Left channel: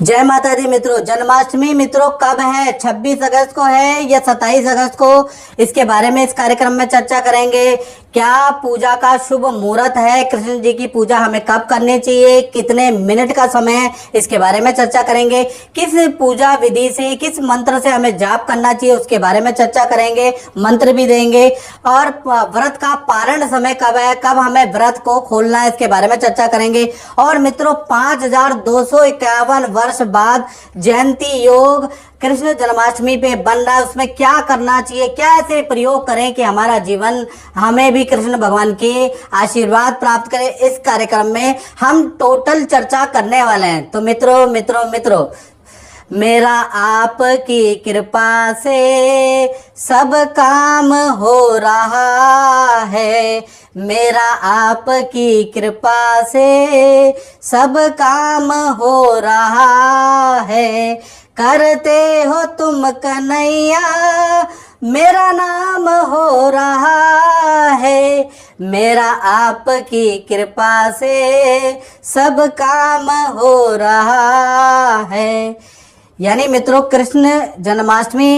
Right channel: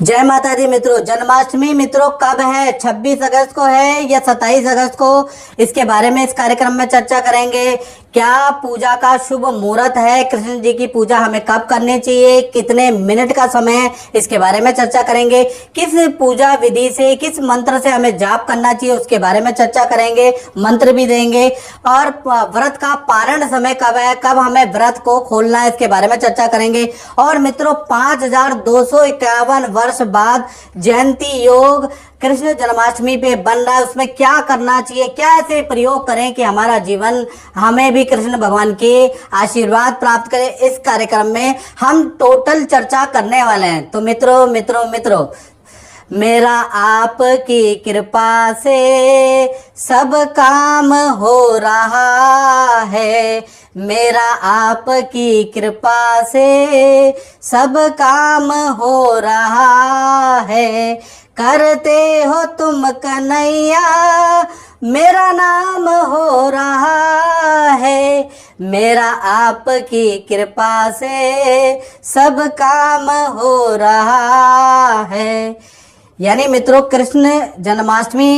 जय माता दी मित्रों। जन्माष्टमी मित्रों कब है? 26 अगस्त को है या 27 अगस्त को? इसके बारे में इस कार्यक्रम में चर्चा करेंगे। क्या पूजा का शुभ मुहूर्त है? कृष्ण जी की पूजा हमें कब करनी चाहिए? कितने मिनट का समय है? इसके बारे में चर्चा करेंगे। किस पूजा विधि से, किस मंत्र से हमें जाप करना चाहिए उसके बारे में चर्चा करेंगे, मंत्र भी देंगे। और व्रत का पारण समय कब है, कब हमें व्रत को खोलना है, इसके बारे में चर्चा करेंगे। और मित्रों 5251 वर्ष बाद जयंती योग कृष्ण जन्माष्टमी पे बन रहा है, उसमें क्या करना चाहिए, क्या ऐसे प्रयोग करें कि हमारा जीवन हमें भी कृष्ण भगवान के आशीर्वाद प्राप्त करे। इस कार्यक्रम में हम टोटल चर्चा करने वाले हैं। तो मित्रों मित्रों मित्रों मेरा आपकी कृपा से सब काम हो रहा है, मेरा आपकी कृपा से सब काम हो रहा है। करते हो तुम कन्हैया मेरा नाम हो रहा है, मेरा आपकी कृपा से सब काम हो रहा है। यानी मित्रों कृष्ण जन्माष्टमी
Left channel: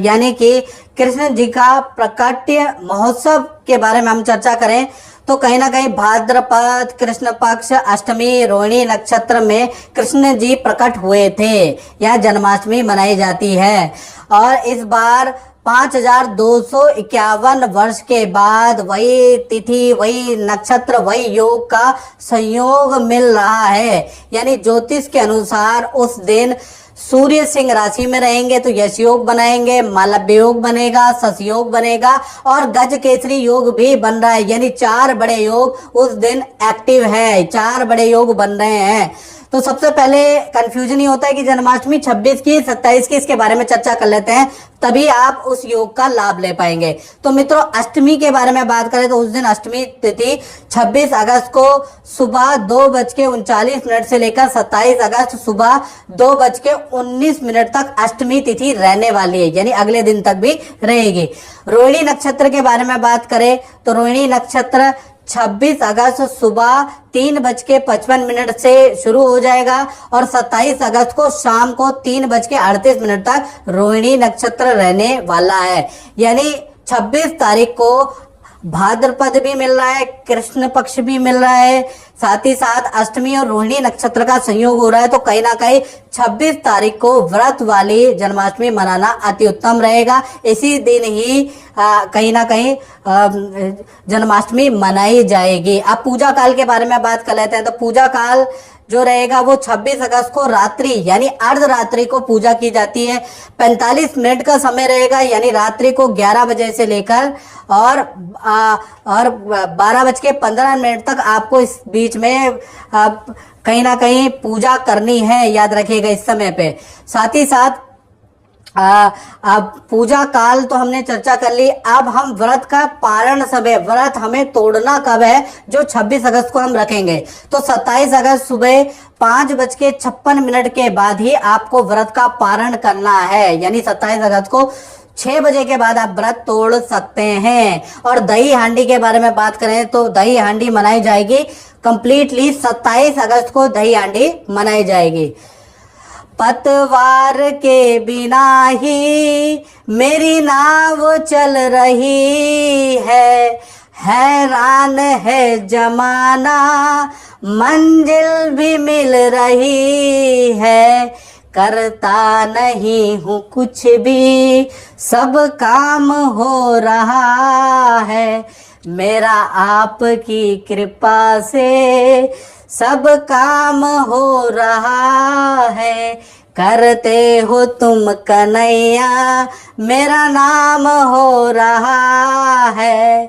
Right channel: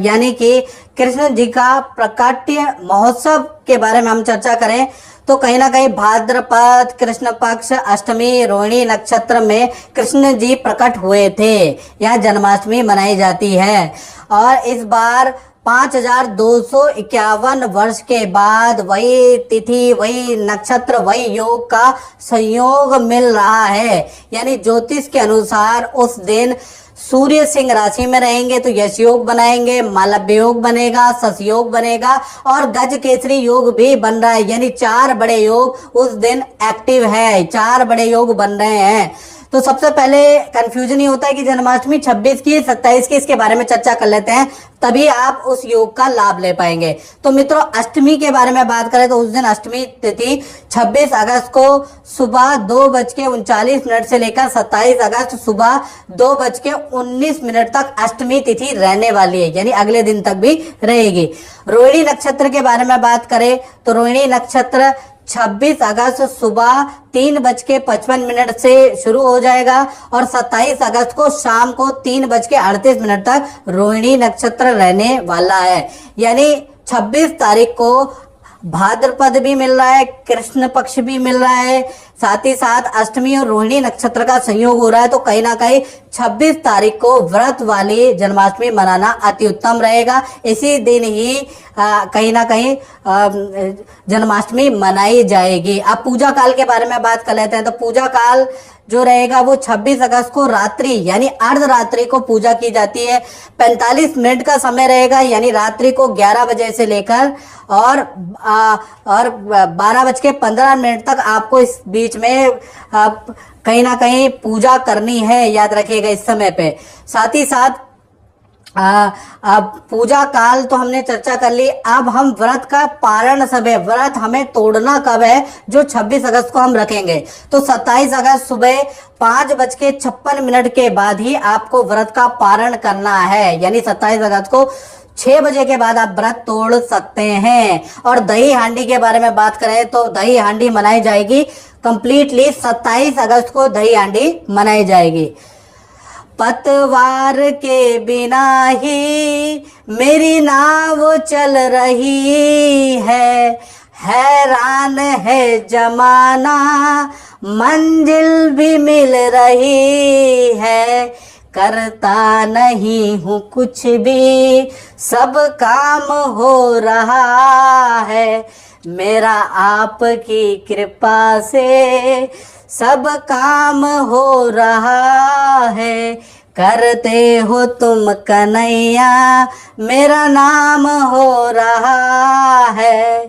यानी कि कृष्ण जी का प्रकाट्य महोत्सव के बारे में हम चर्चा करें तो कहीं ना कहीं भाद्रपद कृष्ण पक्ष अष्टमी रोहिणी नक्षत्र में कृष्ण जी प्रकट हुए थे। यह जन्माष्टमी मनाई जाती है और इस बार 5251 वर्ष के बाद वही तिथि, वही नक्षत्र, वही योग का संयोग मिल रहा है। यानी ज्योतिष के अनुसार उस दिन सूर्य सिंह राशि में रहेंगे तो यश योग बनाएंगे, मालव्य योग बनेगा, सस योग बनेगा और गज केसरी योग भी बन रहा है। यानी 4 बड़े योग उस दिन एक्टिव है, 4 बड़े योग बन रहे हैं। तो सबसे पहले कंफ्यूजन ही होता है कि जन्माष्टमी 26 की 27 की, इसके बारे में चर्चा कर लेते हैं, तभी आप उस योग का लाभ ले पाएंगे। तो मित्रों अष्टमी के बारे में बात करें तो उस दिन अष्टमी तिथि 26 अगस्त को सुबह 2:39 से लेकर 27 अगस्त सुबह 2:19 तक अष्टमी तिथि रहने वाली है, यानी अगले दिन तक भी रहेगी। रोहिणी नक्षत्र के बारे में बात करें तो रोहिणी नक्षत्र 26 अगस्त सुबह 3:55 से शुरू हो जाएगा और 27 अगस्त को शाम को 3:38 तक रोहिणी नक्षत्र रहने वाला है। यानी 26 तारीख को भाद्रपद भी मिल रहा है, कृष्ण पक्ष भी मिल रहा है, साथ ही साथ अष्टमी और रोहिणी नक्षत्र का संयोग हो रहा है। तो कहीं ना कहीं 26 तारीख को व्रत वाली जन्माष्टमी मनाना अति उत्तम रहेगा। इसी दिन ही कहीं ना कहीं जन्माष्टमी मनाई जाएगी। अब पूजा काल के बारे में बात कर लेते हैं। तो पूजा काल जो रहेगा वो 26 अगस्त को रात्रि यानी अर्धरात्रि को पूजा की जाती है। 45 मिनट का समय रहेगा, यानी रात्रि को 11 बजे से लेकर और 12:15 तक आपको इस बीच में कहीं ना कहीं पूजा करनी है, याद रखिएगा इस समय पे। साथ ही साथ अब पूजा काल तो हमने चर्चा कर ली। अब हम व्रत का पारण समय, व्रत हमें तोड़ना कब है, जो 26 अगस्त को हम रखेंगे। तो 27 अगस्त सुबह 5:56 के बाद ही आपको व्रत का पारण करना है। यानी 27 अगस्त को 6 बजे के बाद आप व्रत तोड़ सकते हैं। और दही हांडी के बारे में बात करें तो दही हांडी मनाई जाएगी कंप्लीटली 27 अगस्त को दही हांडी मनाई जाएगी। पतवार के बिना ही मेरी नाव चल रही है, हैरान है जमाना मंजिल भी मिल रही है, करता नहीं हूँ कुछ भी सब काम हो रहा है, मेरा आपकी कृपा से सब काम हो रहा है, करते हो तुम कन्हैया मेरा नाम हो रहा है।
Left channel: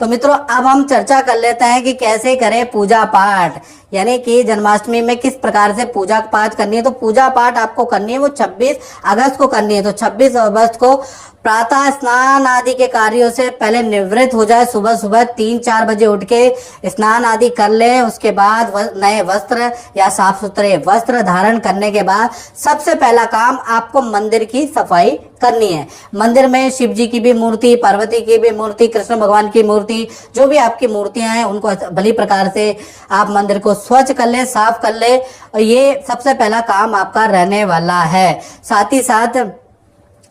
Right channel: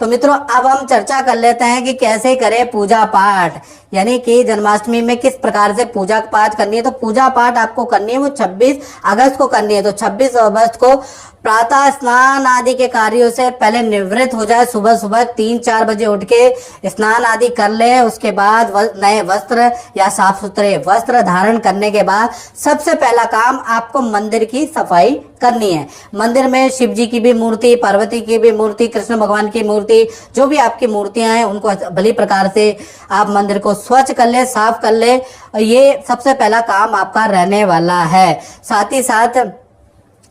तो मित्रों अब हम चर्चा कर लेते हैं कि कैसे करें पूजा पाठ, यानी कि जन्माष्टमी में किस प्रकार से पूजा पाठ करनी है। तो पूजा पाठ आपको करनी है वो 26 अगस्त को करनी है। तो 26 अगस्त को प्रातः स्नान आदि के कार्यों से पहले निवृत्त हो जाए। सुबह सुबह 3-4 बजे उठ के स्नान आदि कर लें। उसके बाद नए वस्त्र या साफ सुथरे वस्त्र धारण करने के बाद सबसे पहला काम आपको मंदिर की सफाई करनी है। मंदिर में शिव जी की भी मूर्ति, पार्वती की भी मूर्ति, कृष्ण भगवान की मूर्ति, जो भी आपकी मूर्तियां हैं उनको भली प्रकार से आप मंदिर को स्वच्छ कर ले, साफ कर ले। ये सबसे पहला काम आपका रहने वाला है। साथ ही साथ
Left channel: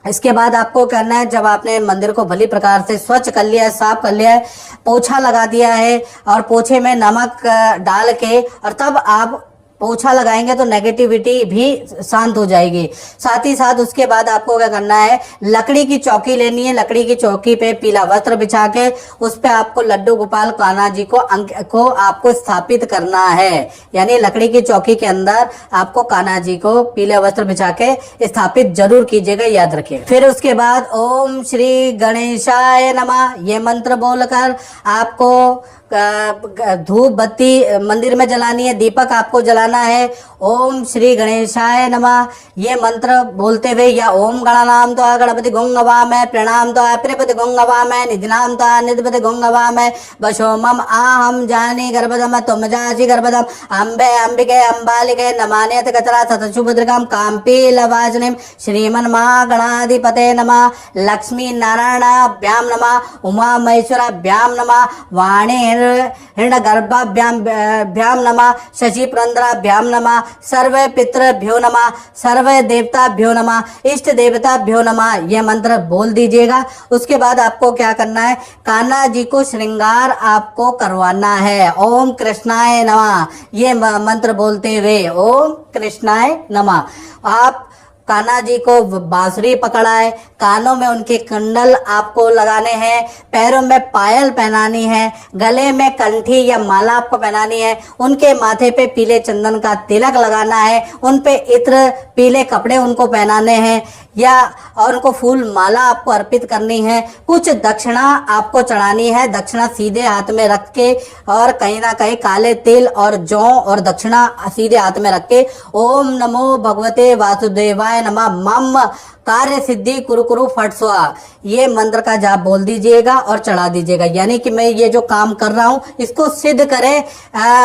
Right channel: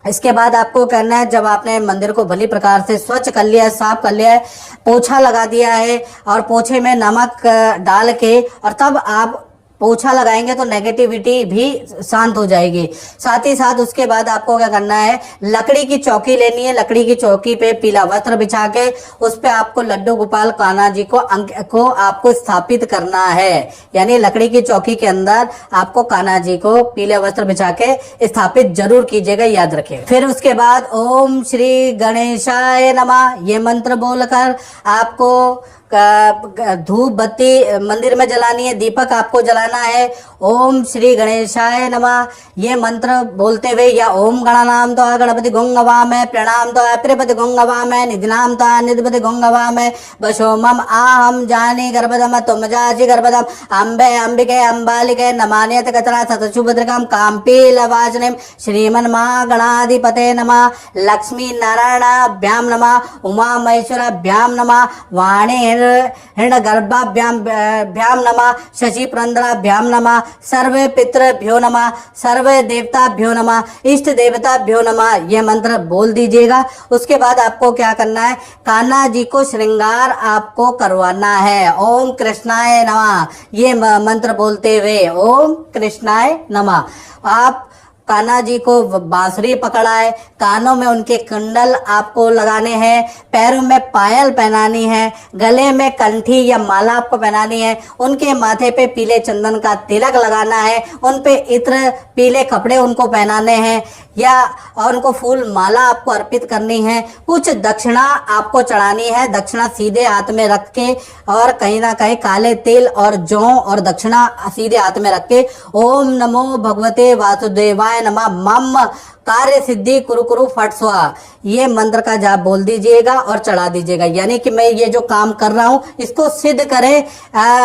इसके बाद आपको करना है, जब आपने मंदिर को भली प्रकार से स्वच्छ कर लिया है, साफ कर लिया है, पोछा लगा दिया है और पोछे में नमक डाल के और तब आप पोछा लगाएंगे तो नेगेटिविटी भी शांत हो जाएगी। साथ ही साथ उसके बाद आपको क्या करना है, लकड़ी की चौकी लेनी है। लकड़ी की चौकी पे पीला वस्त्र बिछा के उस पे आपको लड्डू गोपाल कान्हा जी को आपको स्थापित करना है। यानी लकड़ी की चौकी के अंदर आपको कान्हा जी को पीले वस्त्र बिछा के स्थापित जरूर कीजिएगा, याद रखिए। फिर उसके बाद ओम श्री गणेशाय नमः ये मंत्र बोलकर आपको धूप बत्ती मंदिर में जलानी है, दीपक आपको जलाना है। ओम श्री गणेशाय नमः ये मंत्र बोलते हुए, या ओम गणानाम त्वा गणपति गुंगवामहे प्रणाम त्वा त्रिपति गुंगवामहे निधिनाम त्वा निधिपति गुंगवामहे वशो मम आहम जाने गर्भदम तुम जासि गर्भदम अम्बे अंबिके अंबालिके नमान्यत कतरा सतशुभद्रकम काम्पीलवाजनिम श्रीमन महागणाधिपते नमः लक्ष्मी नारायणाभ्याम नमः उमा महेश्वराभ्याम नमः वाणी हिरण्यगर्भाभ्याम नमः शशि पुरंदराभ्याम नमः सर्व पितृभ्यो नमः सर्व देवताभ्यो नमः इष्ट देवताभ्यो नमः यह मंत्र बोल दीजिएगा। उसके बाद आपको क्या करना है, कान्हा जी को श्रृंगार आपको करवाना है। ओम कृष्णाय नमः ये मंत्र बोलते हुए ओम कृष्णाय नमः आप कान्हा जी को बांसुरी पकड़ाए, कानों में उनके कुंडल आपको लगाने हैं, पैरों में पायल पहनानी है, गले में कंठी या माला आपको पहनानी है, उनके माथे पे पीले चंदन का तिलक लगाना है, उन पे इत्र पीले कपड़े उनको पहनाने हैं या और उनको फूल माला आपको अर्पित करनी है। कुछ दक्षिणा आपको चढ़ानी है, दक्षिणा सीधे हाथ में रख के और कहीं ना कहीं काले तिल और जौ और दक्षिणा सीधे हाथ में रख के ओम नमो भगवते वासुदेवाय नमः मम कार्य सिद्धि कुरु कुरु फट स्वाहा ये मंत्र का जाप बोल दीजिएगा और चढ़ा दीजिएगा। यानी कि मैं ये जो काम कर रहा हूँ इसको सिद्ध करे,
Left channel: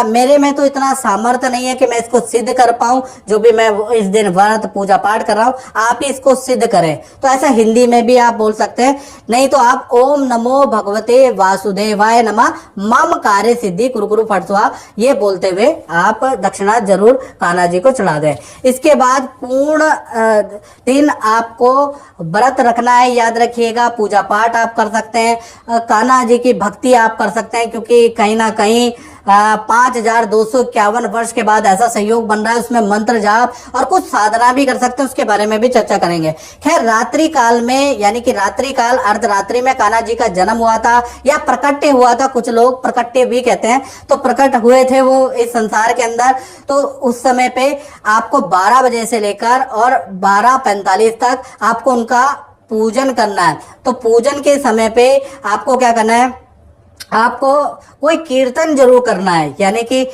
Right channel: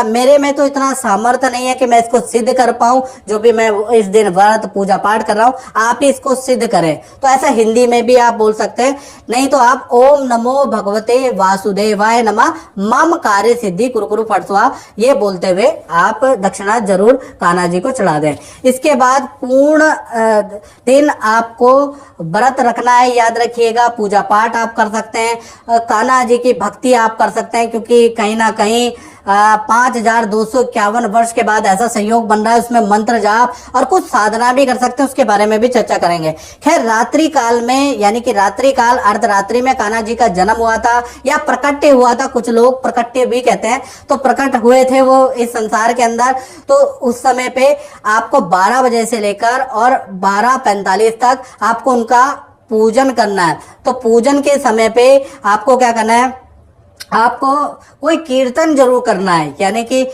मेरे में तो इतना सामर्थ्य नहीं है कि मैं इसको सिद्ध कर पाऊं, जो भी मैं इस दिन व्रत पूजा पाठ कर रहा हूँ आप ही इसको सिद्ध करें। तो ऐसा हिंदी में भी आप बोल सकते हैं, नहीं तो आप ओम नमो भगवते वासुदेवाय नमः मम कार्य सिद्धि कुरु कुरु फट स्वाहा ये बोलते हुए आप दक्षिणा जरूर कान्हा जी को चढ़ा दें। इसके बाद पूर्ण दिन आपको व्रत रखना है, याद रखिएगा। पूजा पाठ आप कर सकते हैं, कान्हा जी की भक्ति आप कर सकते हैं, क्योंकि कहीं ना कहीं 5251 वर्ष के बाद ऐसा संयोग बन रहा है, उसमें मंत्र जाप और कुछ साधना भी कर सकते हैं, उसके बारे में भी चर्चा करेंगे। खैर रात्रि काल में यानी कि रात्रि काल अर्धरात्रि में कान्हा जी का जन्म हुआ था या प्रकट्य हुआ था, कुछ लोग प्रकट्य भी कहते हैं, तो प्रकट हुए थे वो इस संसार के अंदर। तो उस समय पे आपको 12 बजे से लेकर और 12:45 तक आपको उनका पूजन करना है। तो पूजन के समय पे आपको क्या करना है, आपको कोई कीर्तन जरूर करना है। यानी कि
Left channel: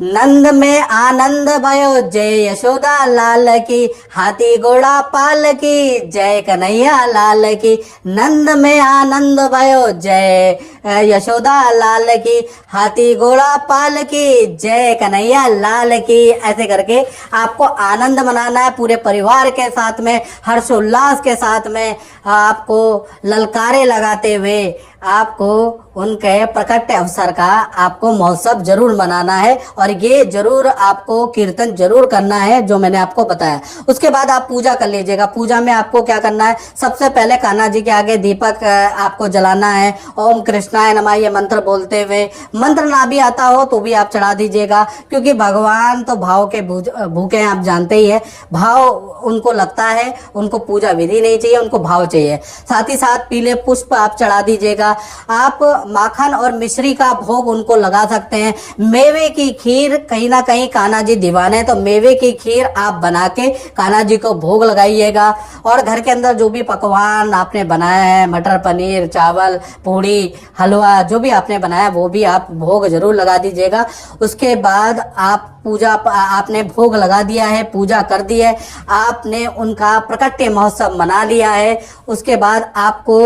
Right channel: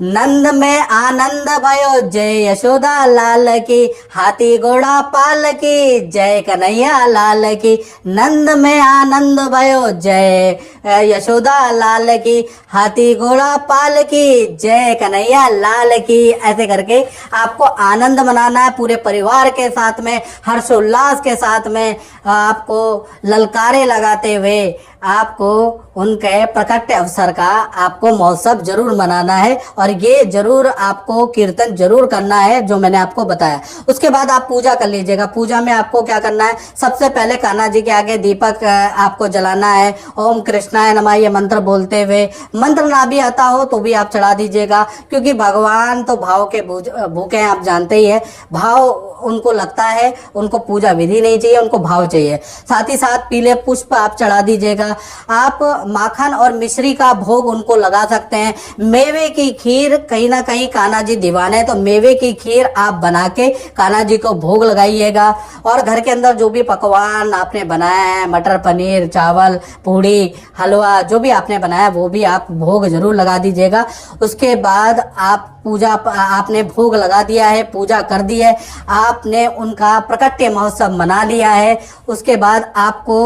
नंद में आनंद भयो जय यशोदा लाल की, हाथी घोड़ा पाल की जय कन्हैया लाल की। नंद में आनंद भयो जय यशोदा लाल की, हाथी घोड़ा पाल की जय कन्हैया लाल की। ऐसे करके आपको आनंद मनाना है पूरे परिवार के साथ में, हर्षोल्लास के साथ में, आपको ललकारे लगाते हुए आपको उनके प्रकट अवसर का आपको महोत्सव जरूर मनाना है और ये जरूर आपको कीर्तन जरूर करना है जो मैंने आपको बताया। उसके बाद आप पूजा कर लीजिएगा। पूजा में आपको क्या करना है, सबसे पहले कान्हा जी के आगे दीपक आपको जलाना है। ओम कृष्णाय नमः ये मंत्र बोलते हुए, मंत्र ना भी आता हो तो भी आप चढ़ा दीजिएगा, क्योंकि भगवान तो भाव के भूखे हैं, आप जानते ही है। भाव उनको लगता है, उनको पूजा विधि नहीं चाहिए, उनको भाव चाहिए। साथ ही साथ पीले पुष्प आप चढ़ा दीजिएगा। आप माखन और मिश्री का भोग उनको लगा सकते हैं। मेवे की खीर, कहीं ना कहीं कान्हा जी दीवाने, तो मेवे की खीर आप बना के कान्हा जी को भोग लगाइएगा। और घर के अंदर जो भी पकवान आपने बनाया है, मटर पनीर, चावल, पूड़ी, हलवा, जो भी आपने बनाया वो भी आप भोग जरूर लगा दीजिएगा। उसके बाद आप पूजा, आपने भोग लगा दिया है, पूजा कर दी है, आपने उनका प्रकट्य महोत्सव मना लिया है। उसके बाद आपको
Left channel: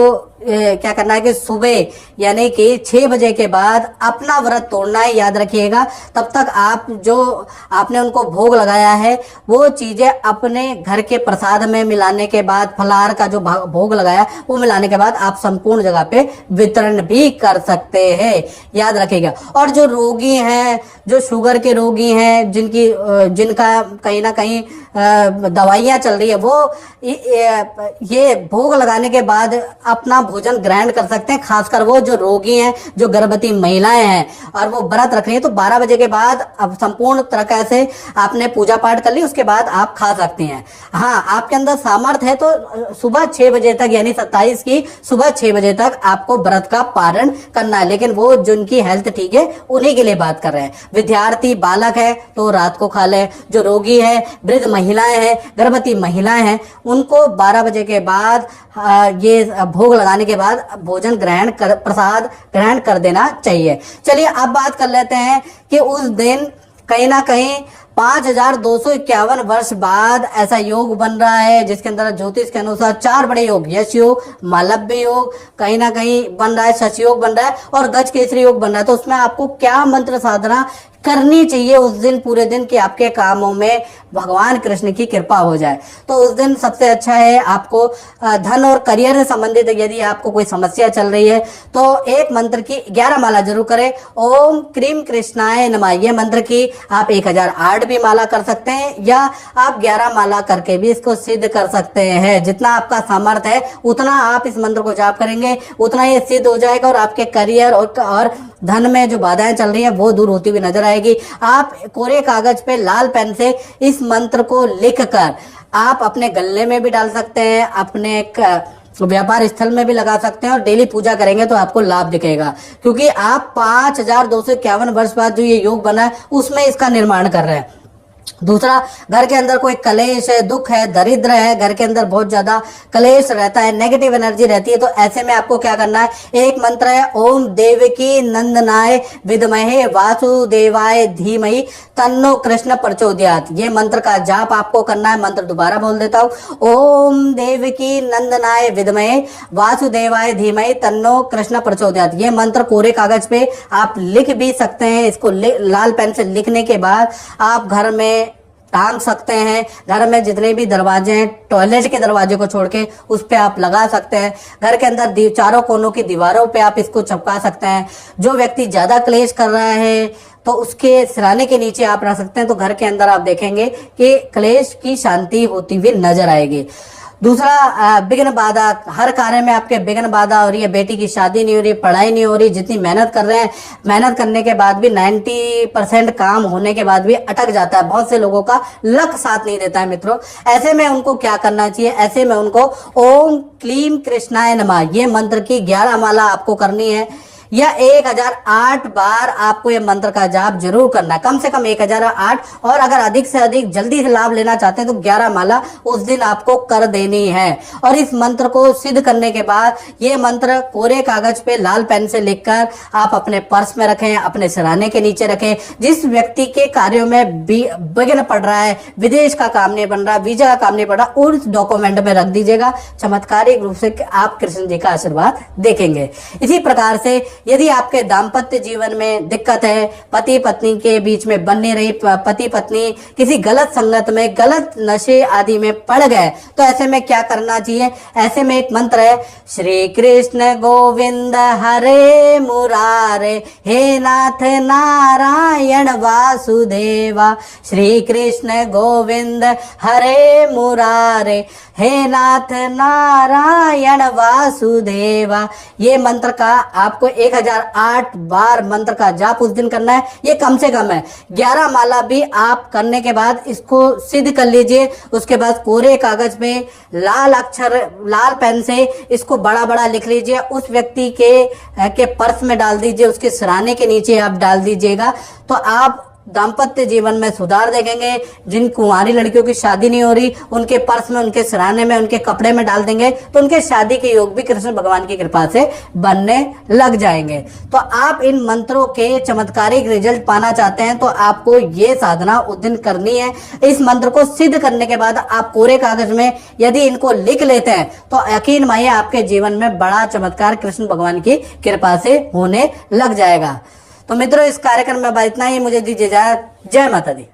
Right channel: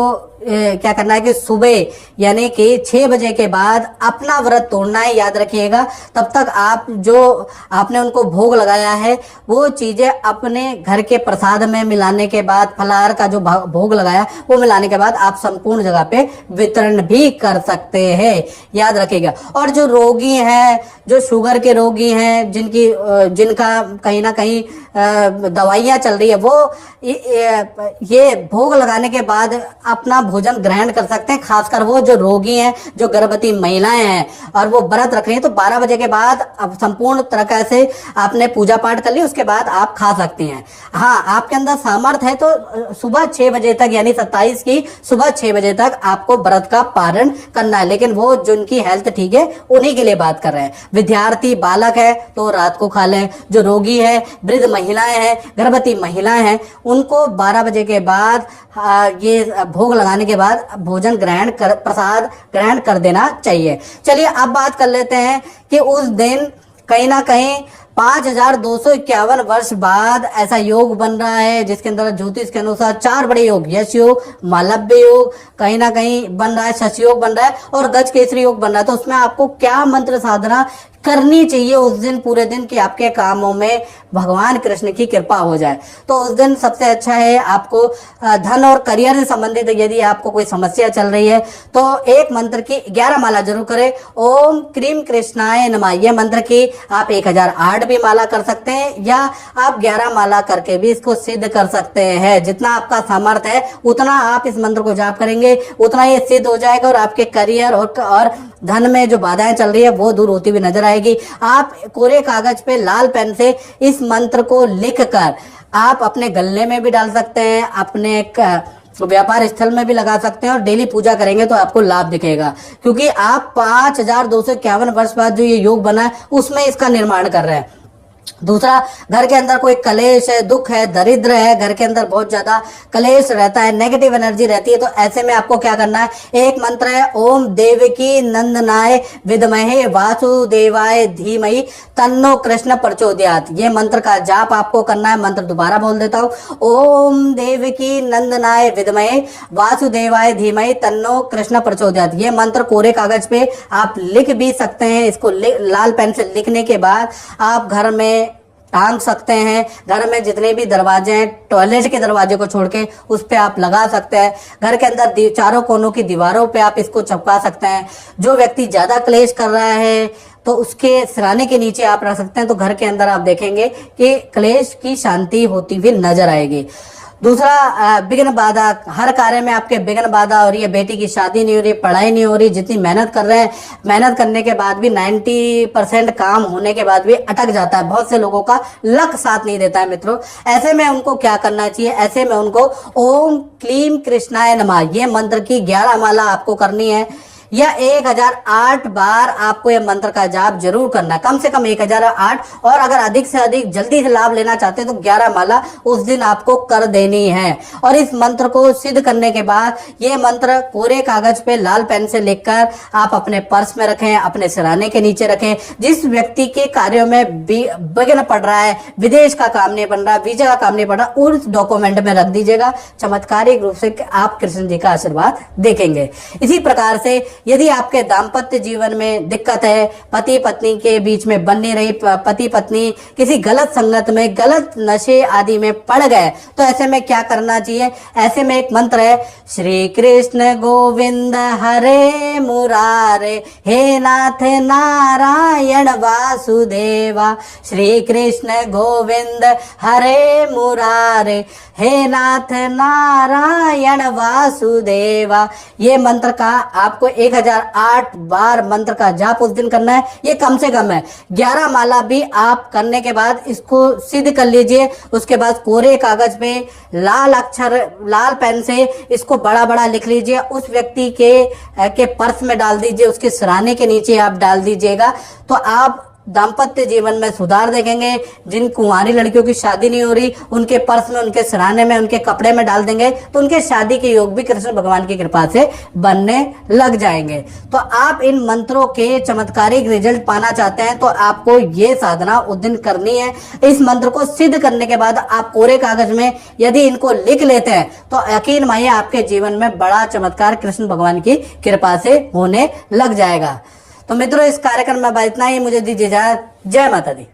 क्या करना है कि सुबह यानी कि 6 बजे के बाद अपना व्रत तोड़ना है, याद रखिएगा। तब तक आप जो आपने उनको भोग लगाया है वो चीजें अपने घर के प्रसाद में मिलाने के बाद, फलाहार का जो भोग लगाया वो मिलाने के बाद आप संपूर्ण जगह पे वितरण भी कर सकते हैं, याद रखिएगा। और जो रोगी हैं, जो शुगर के रोगी हैं, जिनका कहीं ना कहीं दवाइयां चल रही है, वो ये भोग लगाने के बाद अपना भोजन ग्रहण कर सकते हैं। खासकर वो जो रोगी हैं, जो गर्भवती महिलाएं हैं और वो व्रत रख रही हैं, तो 12 बजे के बाद अब संपूर्ण तरह से आपने पूजा पाठ कर ली, उसके बाद आप खा सकती हैं। हाँ, आपके अंदर सामर्थ्य है तो सुबह 6 बजे तक यानी 27 की सुबह 6 बजे तक आपको व्रत का पारण करना है। लेकिन वो जिनकी हेल्थ ठीक है उन्हीं के लिए बात कर रहे हैं। विद्यार्थी बालक है तो रात को खा ले, जो रोगी है, वृद्ध महिलाएं हैं, गर्भवती महिलाएं हैं, उनको 12 बजे के बाद ये भोग लगाने के बाद भोजन प्रसाद ग्रहण कर देना चाहिए। चलिए अब बात कर लेते हैं कि उस दिन कहीं ना कहीं 5251 वर्ष बाद ऐसा योग बन रहा है जिसके अंदर ज्योतिष के अनुसार 4 बड़े योग, यश योग, मालव्य योग कहीं ना कहीं बन रहा है, शश योग बन रहा है और गज केसरी योग बन रहा है। तो उसमें आपको क्या मंत्र साधना करनी चाहिए उस दिन पूरे दिन कि आपके कामों में भगवान कृष्ण की कृपा हो जाए? तो उस दिन सबसे अच्छा है आपको धन और करियर से संबंधित यदि आपको कोई समस्या चल रही है तो एक मंत्र की 11 माला जरूर करें। ओम क्रीम कृष्णाय नमः, ये मंत्र की आप 1008 भी माला कर सकते हैं या आप 11 माला करके भी इसको सिद्ध कर सकते हैं। जितना आपका सामर्थ्य है उतना आप इस मंत्र को जाप करेंगे उतना ये सिद्ध हो जाएगा और आपके करियर और धन में जो बाधाएं चल रही है वो दूर होती हुई नजर आएगी। आप कोरे कागज पे लाल पेन से इस मंत्र को लिखकर आप अपने गले में भी डाल सकते हैं, अपने व्यापार स्थल में भी लगा सकते हैं और डेली पूजा करेंगे तो आपको लाभ दिखेगा। क्योंकि आप 5251 वर्ष बाद जो ये योग बना है उसमें इसका निर्माण कर रहे हैं। दूसरा, घर के अंदर कोई कलेश है, दुख है, दरिद्र है, घर के अंदर बहुत ज्यादा कलेश रहता है, नेगेटिव एनर्जी रहती है, तो ऐसे में आपको क्या करना है, एक मंत्र है ओम देवकी नंदनाय विद्महे वासुदेवाय धीमहि तन्नो कृष्ण प्रचोदयात्। ये मंत्र का जाप आपको करना है। मंत्र दोबारा बोल देता हूँ, ओम देवकी नंदनाय विद्महे वासुदेवाय धीमहि तन्नो कृष्ण प्रचोदयात्। ये मंत्र कोरे कागज पे आप लिख भी सकते हैं। इसको लाल पेन से लिखने के बाद आप घर में टांग सकते हैं। घर में जितने भी दरवाजे हैं, टॉयलेट के दरवाजे को छोड़ के उस पे आप लगा सकते हैं। घर के अंदर चारों कोनों की दीवारों पे आप इसको चिपका सकते हैं। जो व्यक्ति ज्यादा क्लेश कर रहा है तो उसके सिराने के नीचे आप रख सकते हैं। तो घर के अंदर आप देखेंगे कि क्लेश की शांति होती हुई नजर आएगी। दूसरा, विघ्न बाधा, हर कार्य में आपके विघ्न बाधा हो रही है, बेटी की शादी नहीं हो रही, पढ़ाई नहीं हो रही, जितनी मेहनत कर रहे हैं, मेहनत करने के बाद भी 90% काम होने के बाद भी अटक जाता है। बहुत से लोगों का लक साथ नहीं देता है मित्रों। ऐसे में उनको क्या करना चाहिए, ऐसे में उनको ओम क्लीम कृष्णाय नमः ये मंत्र की 11 माला आपको करनी है या 1008 बार आपको यह मंत्र का जाप जरूर करना है, कम से कम 1008। और अगर अधिक से अधिक जल्दी से लाभ लेना चाहते हैं तो 11 माला उस दिन आपको कर देनी है। और इस मंत्र को सिद्ध करने के बाद ये मंत्र कोरे कागज पे लाल पेन से लिखकर आप अपने पर्स में रखें, अपने सिराने के नीचे रखें। जिस व्यक्ति के कार्यों में विघ्न पड़ रहा है, विदेश का काम नहीं बन रहा, वीजा का काम नहीं बन रहा, उस डॉक्यूमेंट में रख दीजिएगा। चमत्कारिक रूप से आप कृष्ण जी का आशीर्वाद देखेंगे। इसी प्रकार से यदि आपके दाम्पत्य जीवन में दिक्कत है, पति पत्नी के बीच में बन नहीं रही, पति पत्नी किसी गलत संगत में, गलत नशे आदि में पड़ गए, तो ऐसे में क्या करना चाहिए? ऐसे में एक मंत्र है, श्री कृष्ण गोविंद हरे मुरारे, हे नाथ नारायण वासुदेवा। श्री कृष्ण गोविंद हरे मुरारे, हे नाथ नारायण वासुदेवा। ये मंत्र का आपको 1008 बार मंत्र का जाप उस दिन करना है। ये कम से कम है। 11 माला भी आप करने के बाद इसको सिद्ध कर लीजिए। उसके बाद कोरे कागज पे लाल अक्षर, लाल पेन से इसको बड़ा बड़ा लिख लीजिए। उस व्यक्ति के पर्स में डाल दीजिए, उसके सिराने के नीचे आप डाल दीजिएगा। तो आप दाम्पत्य जीवन में सुधार देखेंगे। जिन कुंवारी लड़कियों की शादी नहीं हो रही, उनके पर्स में, उनके सिरहाने में, उनके कपड़े में डाल देंगे तो उनके शादी के योग भी कृष्ण भगवान की कृपा से बनने लग जाएंगे। तो आप इन मंत्रों के चमत्कारिक रिजल्ट पाना चाहते हैं तो आपको ये साधना उस दिन करनी है। इस मंत्र को सिद्ध करने के बाद आप कोरे कागज में यदि इनको लिख लेते हैं तो यकीन मानिए आपके जीवन में बड़ा चमत्कार कृष्ण भगवान की कृपा से होने लग जाएगा। तो मित्रों, इस कार्यक्रम में इतना ही। मुझे दीजिए इजाजत। जय माता दी।